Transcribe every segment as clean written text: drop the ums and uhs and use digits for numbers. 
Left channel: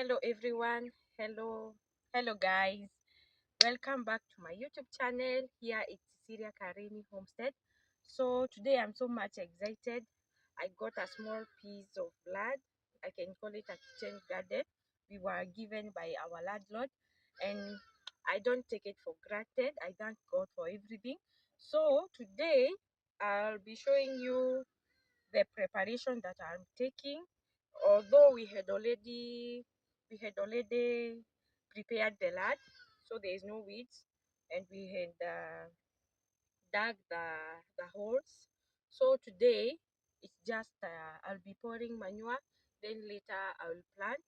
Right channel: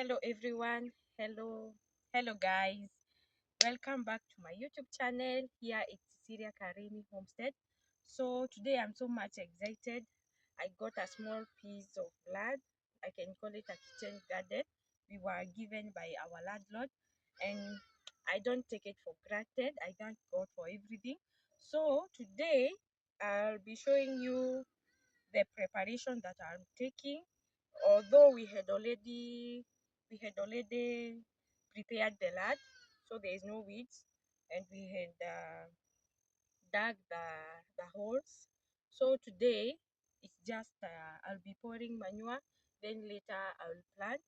Hello everyone. Hello guys. Welcome back to my YouTube channel. Here it's Syria Karimi Homestead. So today I'm so much excited. I got a small piece of land. I can call it a kitchen garden. We were given by our landlord, and I don't take it for granted. I thank God for everything. So today I'll be showing you the preparation that I'm taking. Although we had already prepared the land, so there is no weeds, and we had dug the holes. So today it's just I'll be pouring manure. Then later I will plant.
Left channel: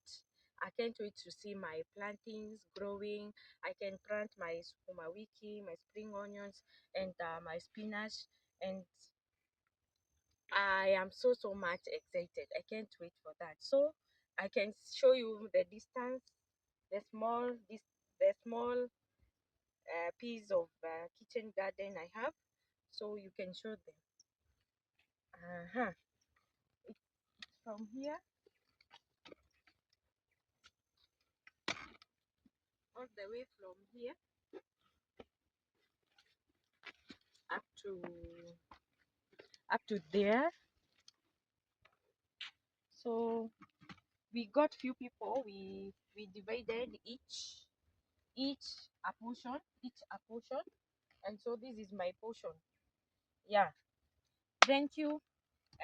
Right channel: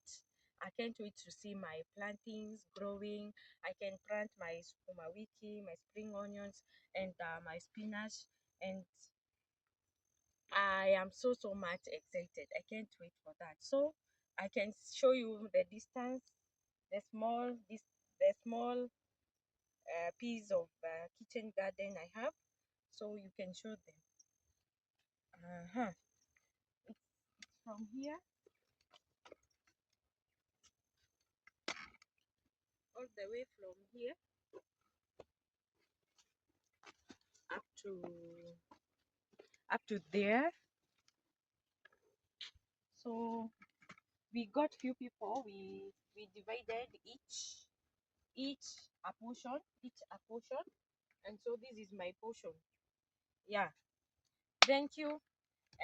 I can't wait to see my plantings growing. I can plant my sukuma wiki, my spring onions, and my spinach, and I am so much excited. I can't wait for that. So I can show you the distance, the small piece of kitchen garden I have, so you can show them. Uh-huh. It's from here, all the way from here up to there. So we got few people. We divided each each a portion, and so this is my portion. Yeah. Thank you.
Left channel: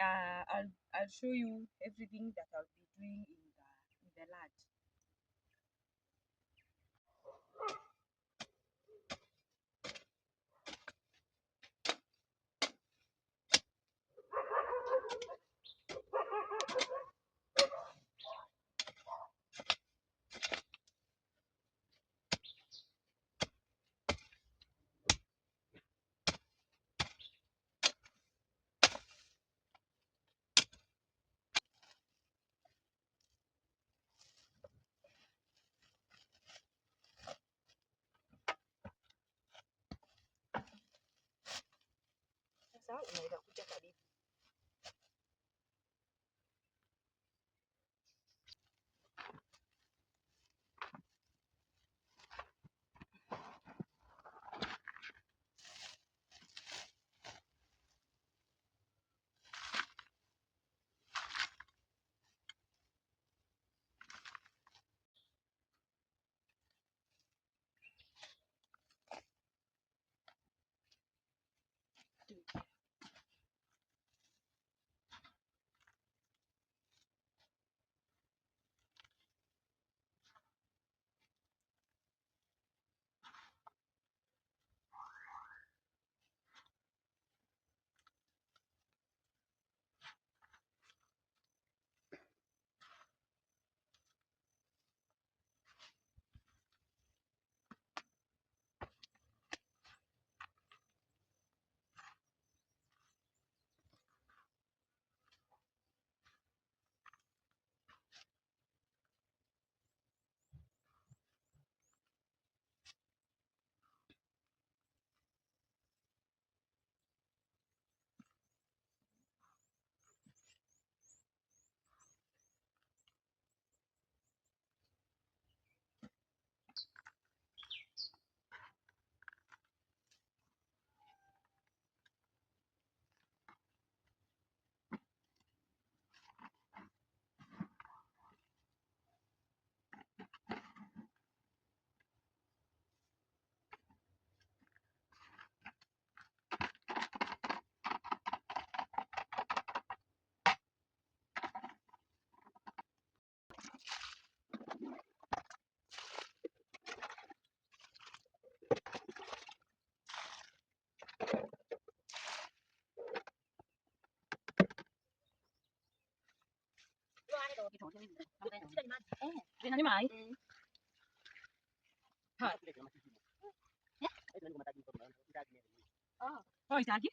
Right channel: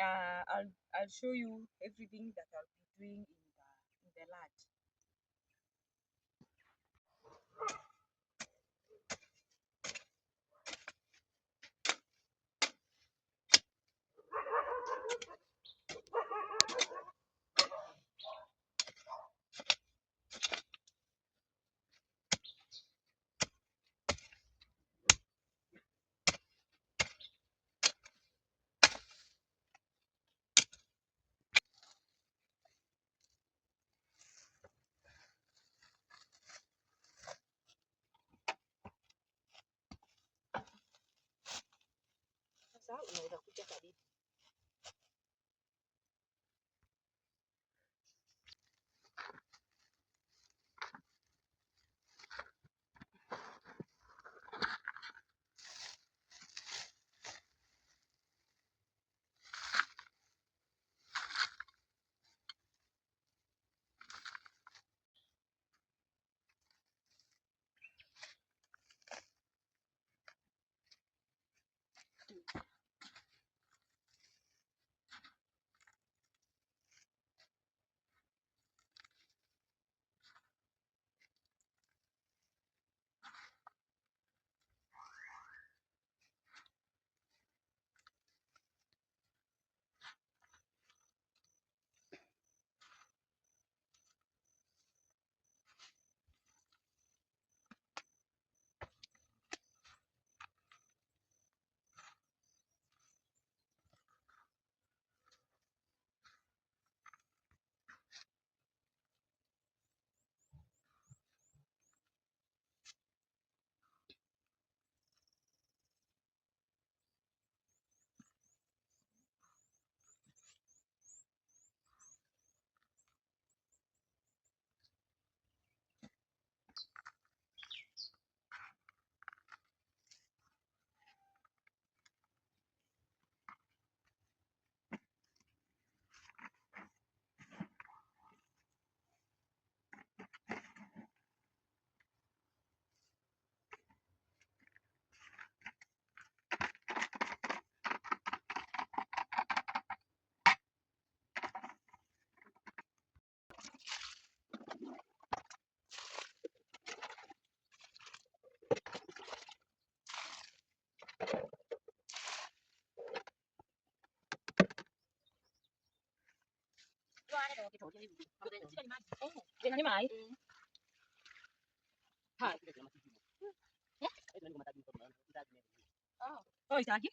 I'll show you everything that I'll be doing in the lab. Sasa unaweza kuja karibu. Tingnan niyo mai. Ha. Oh. Oh, isa lagi?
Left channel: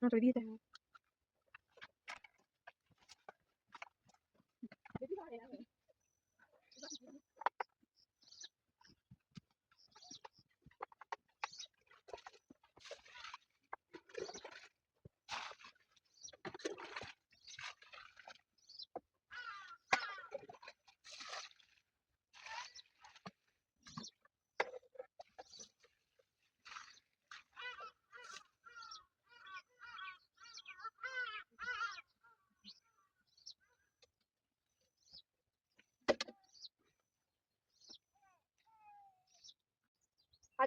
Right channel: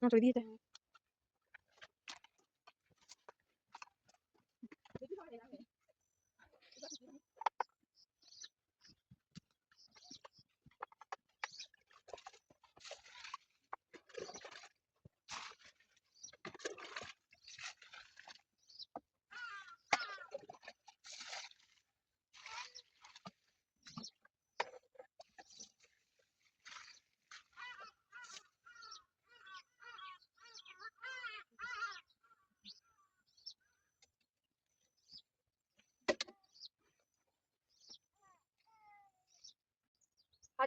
Non so dite.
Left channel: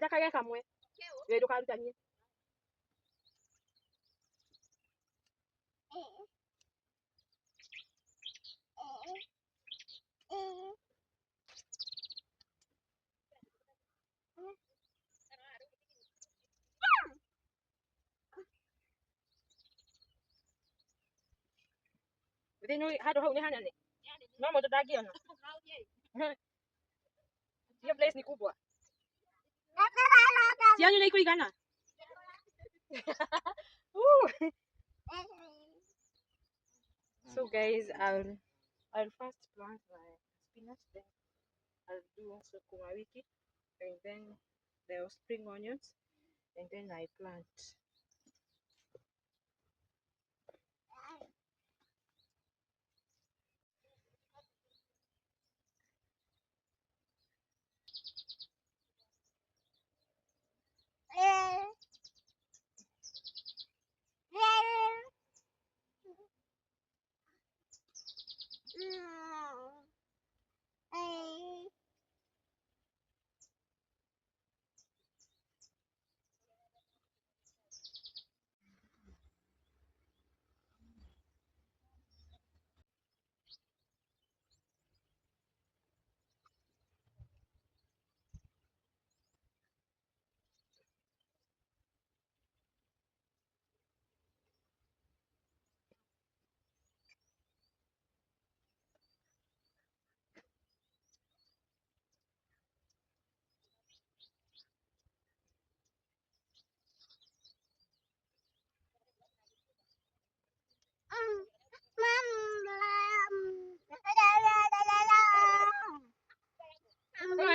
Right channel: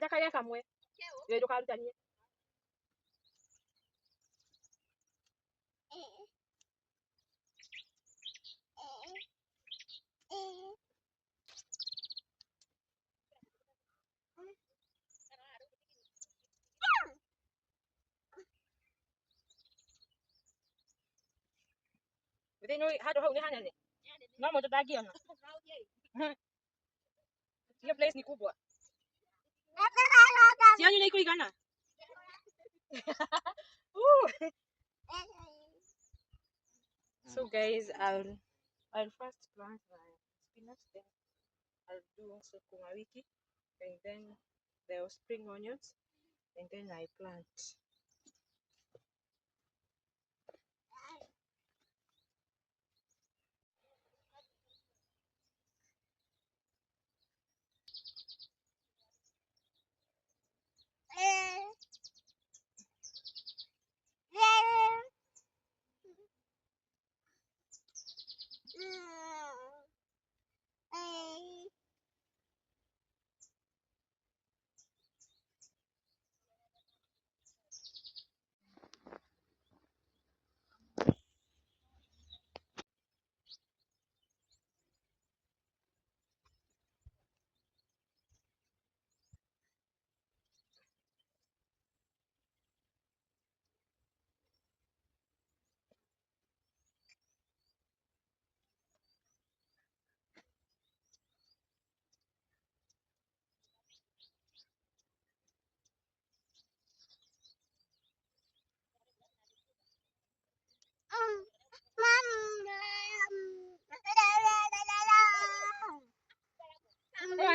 kage kamwe we ndukarutanie thini handu hau ni hanene no mundu ndangiona hiyo place ni kubwa cianyu ni ikuigana so guys I'll first plant my spinach, then I'll do sukuma wiki, and then the spring onions, and then I plant.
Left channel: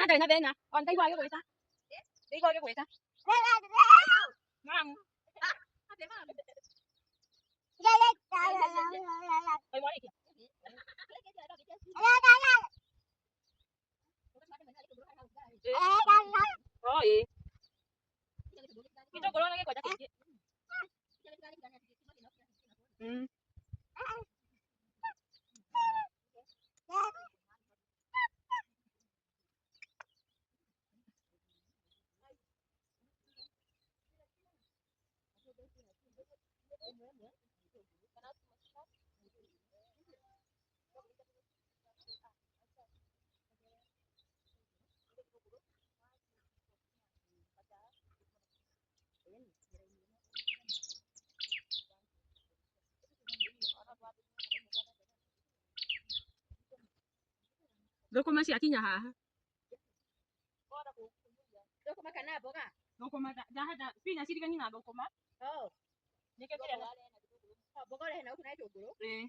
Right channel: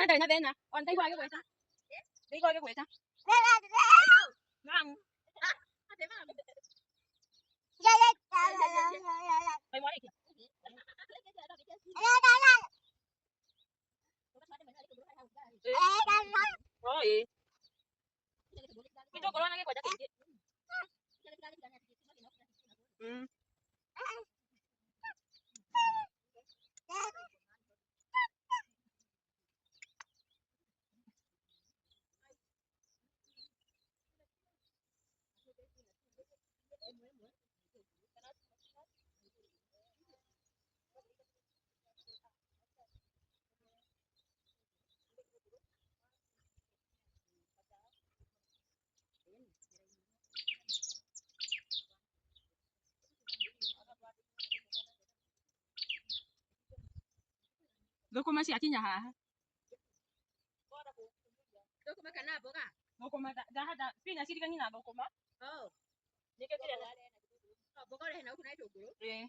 Đây là bên nè, còn đây qua cái quầy ta. Đi qua cái quầy ta. Ngon. Đây mua đi kìa. Rồi. Cái chỗ của nó cái quầy ta kìa. Thũkũma ciakinya haha. Thũkũma kana mboga? Thũkũma ndahanda spinach irigani na thũkũma. Nĩkĩo kĩrĩa mboga ũrehe na huku na gĩtũngũrũ?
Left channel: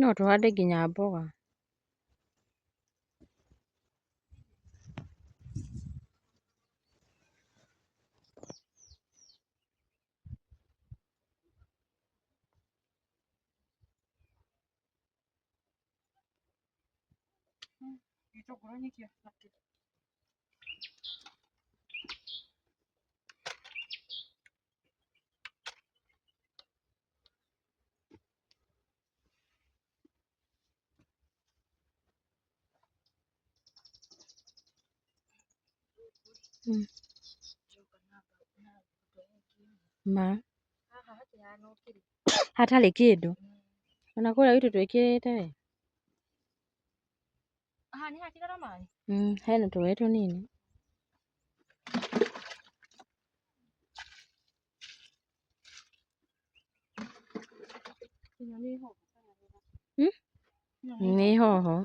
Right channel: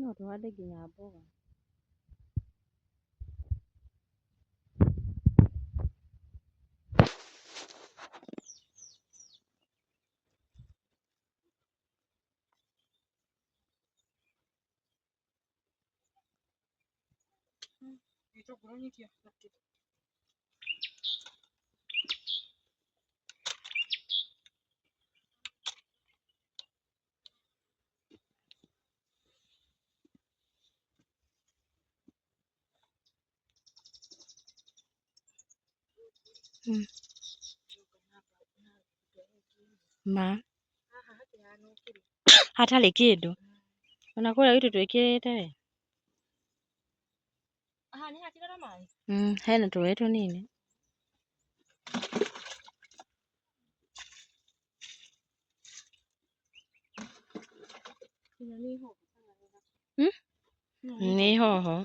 No tuhande nginya mboga. Gĩtũngũrũ nyikio. Ma hatarĩ kĩndũ ona kũrĩa gwitũ twĩkĩrĩte we. Nĩ hakĩrĩ na maĩ? Hena tũĩ tũnini. Nĩ hoho.